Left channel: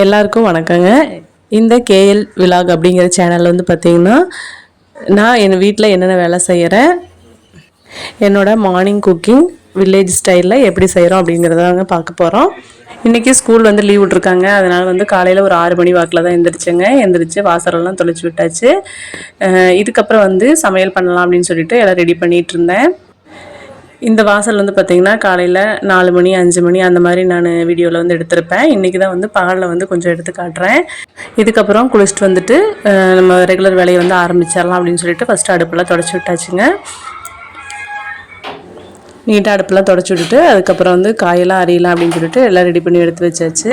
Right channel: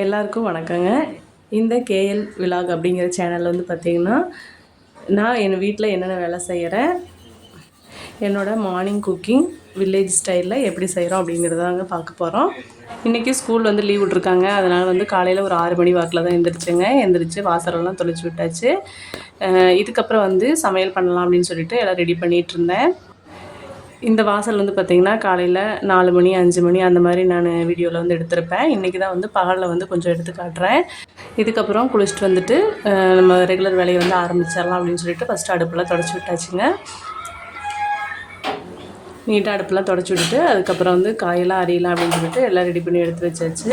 எல்லாருக்கும் வணக்கங்க. இந்த கேஎல் விலாக் அப்படிங்கிற சேனலில் வந்து பார்த்திங்கன்னா, நான் என் வீட்டில் என்னென்ன வேலை செய்கிறேன், என்னோடய மார்னிங் குக்கிங் வில்லேஜ் ஸ்டைலில் எப்படி செய்கிறோம் அப்படிங்கிறதாங்க பார்க்க போகிறோம். இன்றைக்கி ஸ்கூல் வந்து லீவ் விட்ருக்காங்க. அதனால் வந்து காலையில் ஒரு 6 மணி வாக்கில் தான் எந்திரிச்சு வாசலெல்லாம் தொளிச்சு விட்டாச்சு. இதுக்கப்புறம் வந்து சமையல் பண்ணலாம் அப்படின்னு சொல்லிட்டு எல்லாம் ரெடி பண்ணிகிட்டு இருந்தேன். இந்த வாசல் வந்து பார்த்திங்கன்னா காலையில் 4 மணி 5 மணி அந்த மாதிரி நான் வீடியோவில் வந்து எடுத்திருப்பேன். இன்றைக்கி தான் வந்து பகலில் வந்து கொஞ்சம் எடுத்து காட்டுறேன். இதுக்கப்புறம் குளிச்சுட்டு வந்துட்டு நம்ம ரெகுலர் வேலையை வந்து ஆரம்பிச்சிடலாம் அப்படின்னு சொல்லிட்டு ஃபஸ்ட்டு அடுப்பெல்லாம் தொடச்சி விட்டாச்சுங்க. நீட்டாக அடுப்பெல்லாம் தொடச்சி விட்டுட்டு அதுக்கப்புறம் வந்து காயெல்லாம் அரியலாம் அப்படின்னு சொல்லிட்டு எல்லாம் ரெடி பண்ணி எடுத்து வச்சாச்சு.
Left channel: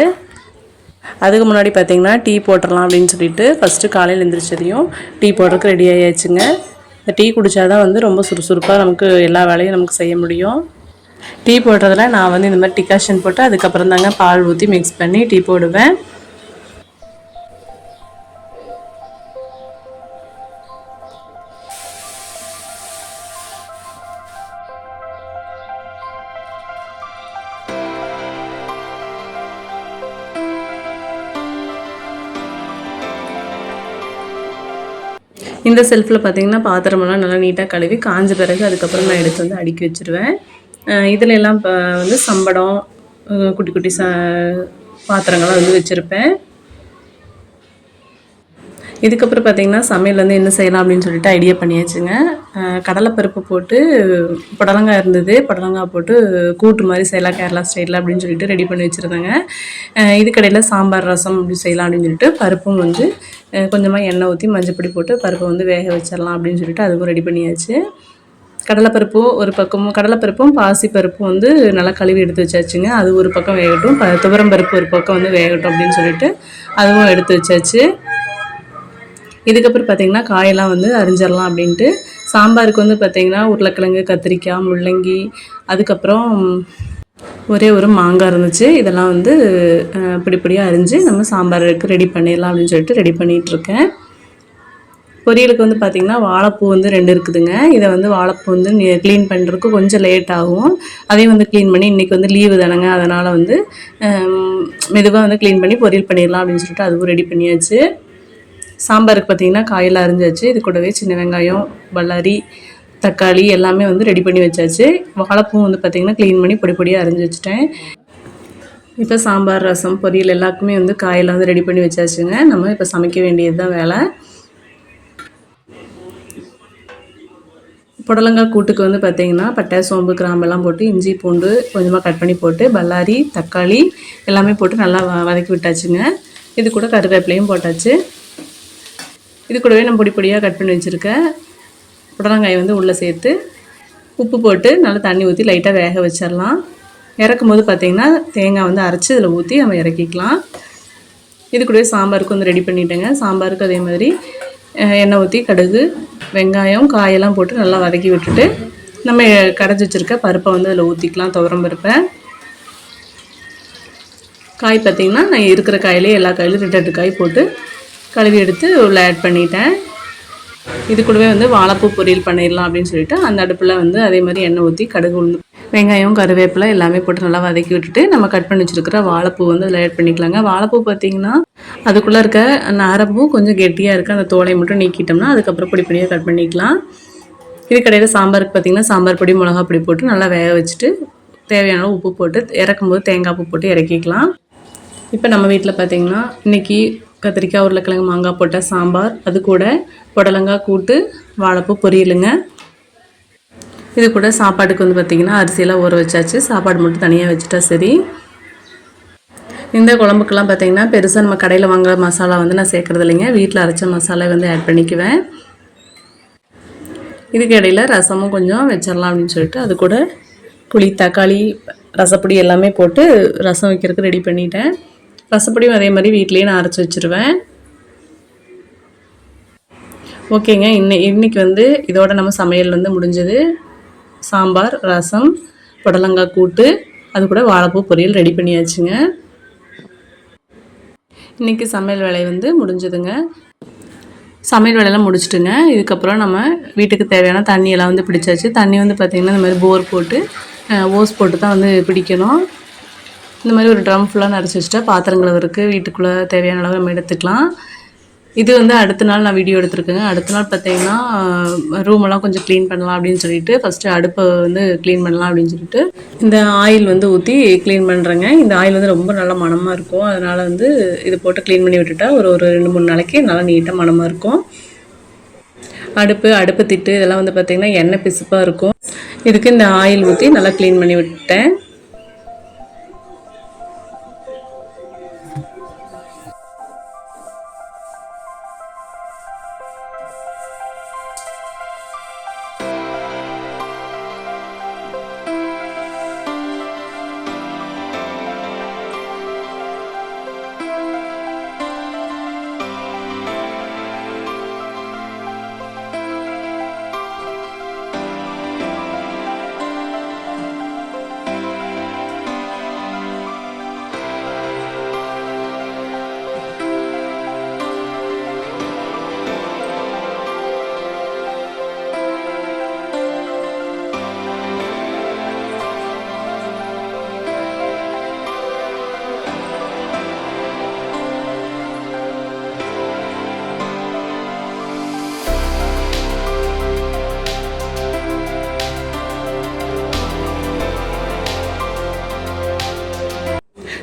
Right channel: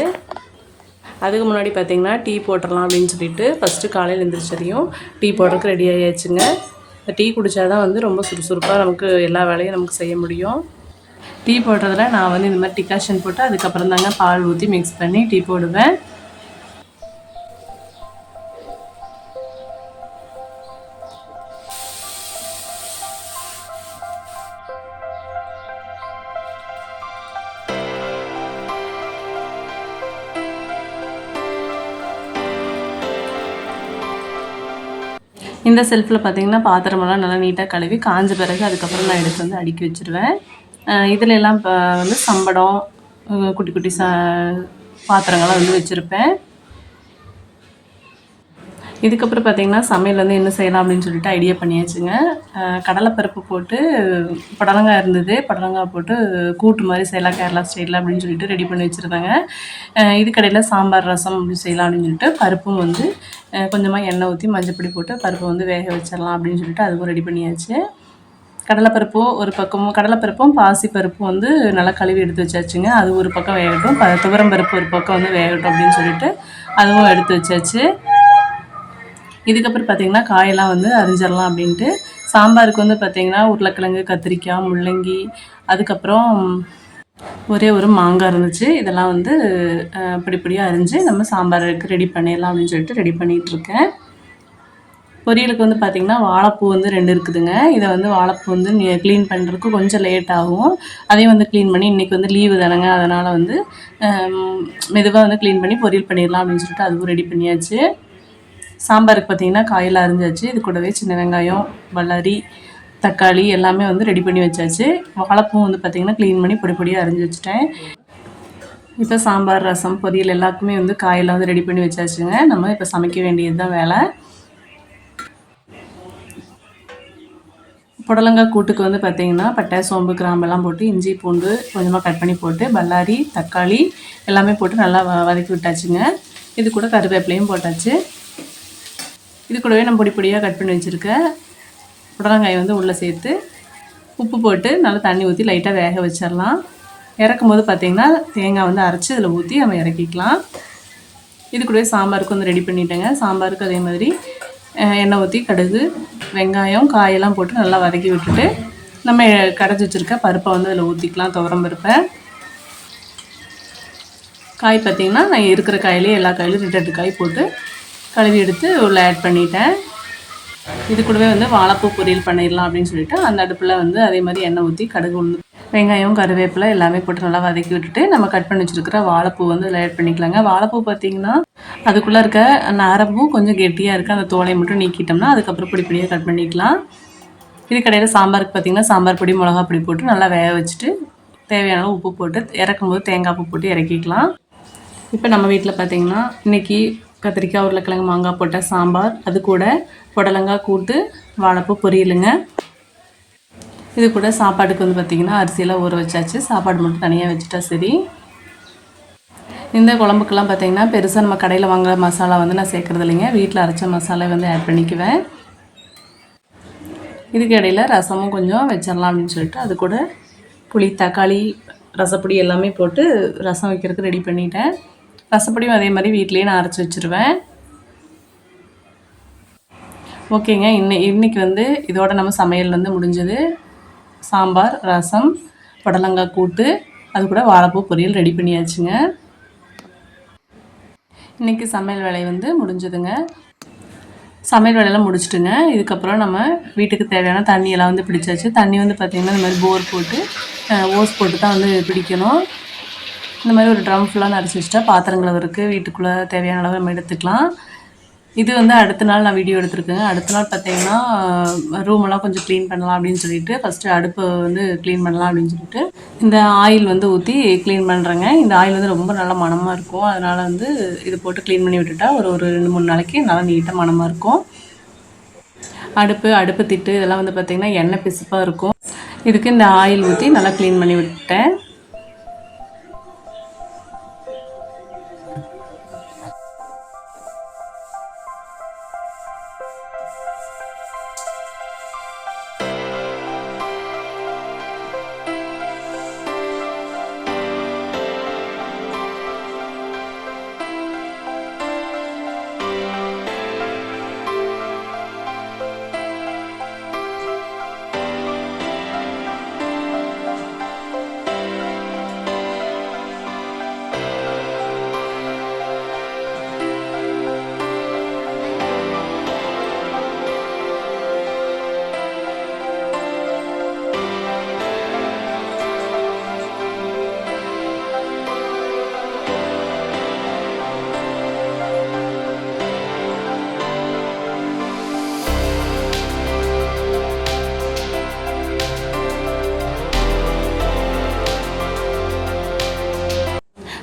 அதுக்கு முன்னாடி பார்த்திங்கன்னா டீ போட்டுடலாம் அப்படின்னு சொல்லிட்டு ஃபஸ்ட்டு காலையில் எழுந்திரிச்சதையும் டீ போடுறதுக்கு ரெடி ஆகியாச்சுங்க. டீ குடித்தா தான் வந்து ரொம்ப சுறுசுறுப்பாக நமக்கு எல்லா வேலையும் நமக்கு செய்ய முடியும். டீ போடுறதுல நான் வந்து இந்த மாதிரி டிகாஷன் போட்டு அதுக்கப்புறம் தாங்க பால் ஊற்றி மிக்ஸ் பண்ணி டீ போடுவேன். இந்த செல்ஃபில் பார்த்திங்கன்னா பாத்திரமெல்லாம் நல்லா நீட்டாக கழுவி காஞ்ச பிறகு அதுக்கப்புறம் நான் எடுத்து வந்து அடுக்கி வச்சுருவேன். இதில் எல்லாம் இப்போ வந்து சம்படம் குட்டி குட்டி பாத்திரங்கள்லாம் வந்து வச்சுருப்பேன். இதுக்கப்புறம் பார்த்திங்கன்னா சமையல் வந்து என்ன செய்யலாம் அப்படின்னு சொல்லிட்டு ஐடியா பண்ணியாச்சுங்க. கடலைப்பருப்பு போட்டு புடலங்காய் இருந்தது, புடலங்காய் போட்டு கூட்டு மாதிரி செய்யலாம் கேரளா ஸ்டைலில் அப்படின்னு சொல்லிட்டு ரெடி பண்ணி வச்சுருந்தாங்க. இதுக்கடையில் சாம்பார் ரசம் அப்படி செய்யலாம் அப்படின்னு சொல்லிட்டு பருப்பும் வந்து கொஞ்சமாக எண்ணெய் ஊற்றி மஞ்சப்பொடி போட்டு பருப்பை வந்து வேக வச்சிடலாம் அப்படின்னு சொல்லிட்டு அதுவும் ரெடி பண்ணியாச்சு. கடலைப்பருப்பும் ஒரு பக்கமும் கடலைப்பருப்பும் பாசிப்பருப்பும் வந்து நல்லா கழுவி எடுத்து வச்சாச்சுங்க. அது ஒரு பக்கம் வேகட்டும், துவரம் பருப்பு ஒரு பக்கம் வந்து வேகட்டும் அப்படின்னு சொல்லிட்டு அதுவும் எடுத்து வச்சாச்சு. இதுக்கப்புறம் பார்த்திங்கன்னா காயெல்லாம் வந்து அரிஞ்சிடலாம் அப்படின்ட்டு சாம்பாருக்கு வந்து பார்த்திங்கன்னா உருளைக்கிழங்கு, கத்திரிக்காய், முள்ளங்கி, அதுக்கப்புறம் ஒரே ஒரு மாங்காய் இருந்துச்சு. இதெல்லாம் வந்து பிடிப்படியாக அரிஞ்சு நம்ம சாம்பாருக்கு ரெடி பண்ணிடலாம் அப்படின்னு சொல்லிட்டு ரெடி பண்ணிகிட்ருக்கேன். பொரியலுக்கு வந்து பார்த்திங்கன்னா வாழைப்பூ வந்து 2 இருக்குதுங்க. இதை வந்து வாழைப்பூ வந்து க்ளீன் பண்ணுறதுக்கு கொஞ்சம் லேட் ஆகும். அதையும் வந்து க்ளீன் பண்ணி இன்றைக்கி வந்து லீவு தானேங்க, அதனால் வந்து மெதுவாக வந்து க்ளீன் பண்ணி பொரியல் பண்ணிடலாம் அப்படின்னு சொல்லிட்டு அதுவும் ரெடி பண்ணியாச்சு. சாம்பாருக்கு பார்த்திங்கன்னா காயெல்லாம் அரிஞ்சாச்சு. இது கூடவே சின்ன வெங்காயம், பல்லாரி, தக்காளி எல்லாமே வந்து ரெடி பண்ணி வச்சாச்சு. வாழைப்பூ வந்து பார்த்திங்கன்னா க்ளீன் பண்ணி பொடி பொடியாக அரிஞ்சு வச்சுட்டேன். இப்போ சாம்பார், ரசம், பொரியல் எல்லாருக்குமே வந்து காயெல்லாம் வந்து ரெடி பண்ணி வச்சாச்சுங்க. நம்ம இப்போ சமைக்க வேண்டியது தான் வேலை. புடலங்காய் கூட்டுக்கு வந்து பார்த்திங்கன்னா பட்டை, சோம்பு, கிராம்பெல்லாம் போட்டு இஞ்சி பூண்டு கொஞ்சமாக கட் பண்ணி போட்டு பல்லாரி, தக்காளி எல்லாமே போட்டு நல்லா வதக்கி விட்டாச்சுங்க. இது கூட கருவேப்பிலையும் போட்டாச்சு. இது கூடவே நம்ம பொடி பொடியாக கட் பண்ணி வச்சுருக்கேன் புடலங்காயை வந்து உள்ளே சேர்த்து உப்பு போட்டு நல்லா தண்ணி ஊற்றி லைட்டாக வேக வச்சிடலாம். இறக்கும் போது பார்த்திங்கன்னா தேங்காய் வந்து அரைச்சி இதில் ஊற்றி நம்ம இறக்கிக்கலாம். இது கூடவே சாம்பாருக்கு வந்து ரெடி பண்ணிட்டேங்க. சாம்பாருக்கு அதே மாதிரி எண்ணெய் ஊற்றி கடுகு, வெங்காயம், காயெல்லாம் போட்டு நல்லா வதக்கி விட்டுட்டு நம்ம கரைச்சி வச்சுருக்க பருப்பை வந்து அதில் ஊற்றிக்கலாம். துவரம் பருப்பை காய் பார்த்திங்கன்னா நான் இருக்கிற காயிலே எல்லா காயிலும் 2 காய் போட்டு கழுவி எடுத்து உள்ள ஆட் பண்ணிட்டேன். இது கூடவே வந்து வாழைப்பூ பொரியல் பண்ணிடலாம் அப்படின்னு சொல்லிட்டு அந்த அடுப்பில் வந்து அதே மாதிரி எண்ணெய் ஊற்றி கடுகு, உளுந்து, வெங்காயம், கருவேப்பிலை எல்லாமே போட்டு நல்லா வதக்கி விட்டுட்டு நம்ம கட் பண்ணி வச்சுருக்கிற வாழைப்பூ வந்து அதில் ஆட் பண்ணிக்கலாங்க. வாழைப்பூ பார்த்திங்கன்னா அதுக்குள்ளே இருக்க நரம்பூ கொஞ்சம் கெட்டியாக இருக்குது. அந்த தோலை மட்டும் நீக்கிட்டோம்னா அதுக்கப்புறம் பொடி பொடியாக கட் பண்ணிக்கலாம். இதுக்கடையில் சாம்பாருக்கு பார்த்திங்கன்னா சாம்பார் பொடி, மிளகா பொடி போட்டு நல்லா வேக வச்சுட்டு தேவையான உப்பு போட்டு இறக்கும்போது தேங்காய் பூ போட்டு இறக்கிக்கலாம். இப்போ நம்ம வீட்டில் பார்த்திங்கன்னா இன்றைக்கி கத்திரிக்காய், உருளைக்கிழங்கு, மாங்காய் போட்ட சாம்பார், அது கூட புடலங்காய் கூட்டு, வாழைப்பூ பொரியலுங்க. இது கூட சாப்பாட்டுக்கு வந்து பார்த்திங்கன்னா அரிசியெல்லாம் ஊற வச்சாச்சு. சாப்பாடு மட்டும் தனியாக வச்சுட்டா சரி. இந்த குழம்புக்கெல்லாம் பார்த்திங்கன்னா பெருசாக நம்ம கடையில் வாங்குகிற மசாலா வந்து நான் சேர்க்குறது இல்லைங்க. வீட்டில் அரைச்ச மசாலா வந்து ஆட் பண்ணிக்குவேன். இதுக்கு இடையில் ரசமும் கொஞ்சம் வச்சிடலாம் அப்படின்னு சொல்லிட்டு அது கூட புளி, தக்காளி, ரசப்பொடி எல்லாமே போட்டு ரசம் வைக்கிறதுக்கு ரெடி பண்ணிட்டேன். ரசப்பொடியும் அதே மாதிரி வீட்லேயே நான் அரைச்சி வச்சுருவேன். ஓகேங்க, இன்றைக்கி வந்து இதோட நம்ம சமையல் வந்து முடிஞ்சது. சாம்பார், ரசம், புடலங்காய் கூட்டு, அது கூட வாழைப்பூ பொரியல் ரெடி பண்ணியாச்சுங்க. இன்றைக்கி சமையல் வேலை வந்து முடிஞ்சதுங்க. சமையல் வேலையெல்லாம் முடிச்சுட்டுங்க. இதுக்கப்புறம் நம்ம வீட்டுக்கு தேவையான தண்ணியெல்லாம் வந்து பிடிச்சாச்சு. தண்ணி வந்து பார்த்திங்கன்னா இந்த மாதிரி போர் போட்டு ஓஸ் போட்டு தான் வந்து பிடிக்கணும். இந்த மாதிரி ஒரு ட்ரம் ஃபுல்லாக நிறச்சி வச்சுட்டா பாத்திரம் கழுவுறதுக்கு வீட்டுக்குள்ளே தேவையான அளவு நம்ம எடுத்துக்கலாம். இது வந்து அடுத்த நாள் நான் வீடியோ எடுத்திருக்கேங்க. அடுத்த நாள் பார்த்தீங்கன்னா ரூமெல்லாம் கொஞ்சம் க்ளீன் பண்ணலாம் அப்படின்னு சொல்லிட்டு ஃபஸ்ட்டு அடுப்பை வந்து க்ளீன் பண்ணலாம் அப்படின்னு சொல்லிட்டு இந்த ஆயில் வந்து ஊற்றி க்ளீன் பண்ணுறேங்க. இந்த ஆயில் வந்து ரொம்ப நல்லா மணமாக இருக்கும். அதனால் வந்து இது போட்டு க்ளீன் பண்ணி விட்டுட்டா ஒரு 2-3 நாளைக்கு நல்லா நீட்டாக மணமாக இருக்கும். அடுப்பு திட்டு இதெல்லாம் வந்து பார்த்திங்கன்னா எண்ணெய் பிசுப்பாக இருக்கும். இதுக்கு இந்த ஆயில் ஊற்றி நல்லா க்ளீன் பண்ணி விட்டுட்டேன்.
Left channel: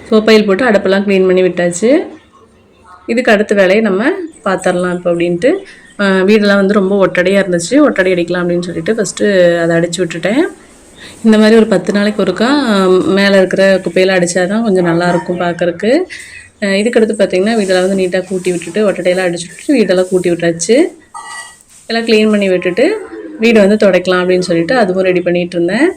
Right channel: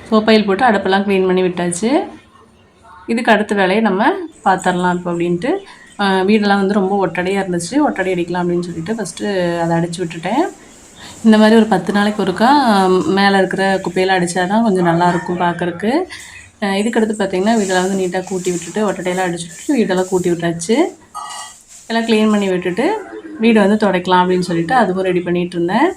சோப்பையில் போட்டு அடுப்பெல்லாம் க்ளீன் பண்ணி விட்டாச்சு. இதுக்கு அடுத்த வேலையை நம்ம பார்த்துடலாம் இப்போ அப்படின்ட்டு. வீடெல்லாம் வந்து ரொம்ப ஒட்டடையாக இருந்துச்சு. ஒட்டடை அடிக்கலாம் அப்படின்னு சொல்லிட்டு ஃபஸ்ட்டு அதை அடித்து விட்டுட்டேன். இந்த மாதிரி ஒரு 10 நாளைக்கு ஒருக்கா மேலே இருக்கிற குப்பையெல்லாம் அடித்தா தான் கொஞ்சம் நல்லாயிருக்கும் பார்க்குறக்கு. இதுக்கடுத்து பார்த்திங்கன்னா வீடெல்லாம் வந்து நீட்டாக கூட்டி விட்டுட்டு ஒட்டடையெல்லாம் அடிச்சு விட்டுட்டு வீடெல்லாம் கூட்டி விட்டாச்சு. எல்லாம் க்ளீன் பண்ணி விட்டுட்டு வீடு வந்து துடைக்கலாம் அப்படின்னு சொல்லிட்டு அதுவும் ரெடி பண்ணிகிட்டு இருந்தேன்.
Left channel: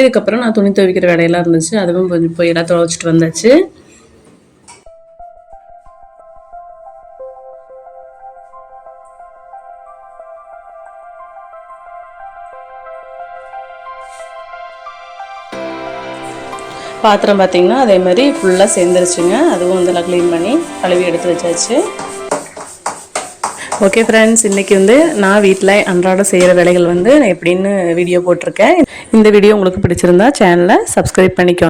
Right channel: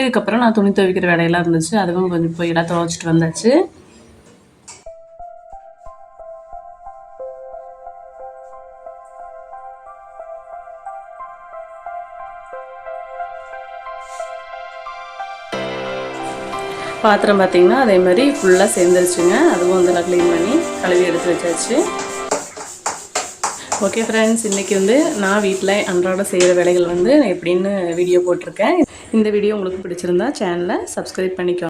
இதுக்கப்புறம் நான் துணி துவைக்கிற வேலையெல்லாம் இருந்துச்சு. அதுவும் கொஞ்சம் போய் எல்லாம் துவைச்சிட்டு வந்தாச்சு. பாத்திரம் பார்த்திங்கன்னா அதே மாதிரி ஃபுல்லாக சேர்ந்துருச்சுங்க. அதுவும் வந்து எல்லாம் க்ளீன் பண்ணி கழுவி எடுத்து வச்சாச்சு. ஓகே ஃப்ரெண்ட்ஸ், இன்றைக்கி வந்து நான் வீட்டில் அன்றாட செய்கிற வேலைகள் வந்து எப்படின்னு வீடியோ போட்டிருக்கேன். இந்த வீடியோ உங்களுக்கு பிடிச்சிருந்தா சேனலை சப்ஸ்கிரைப் பண்ணிக்கோங்க.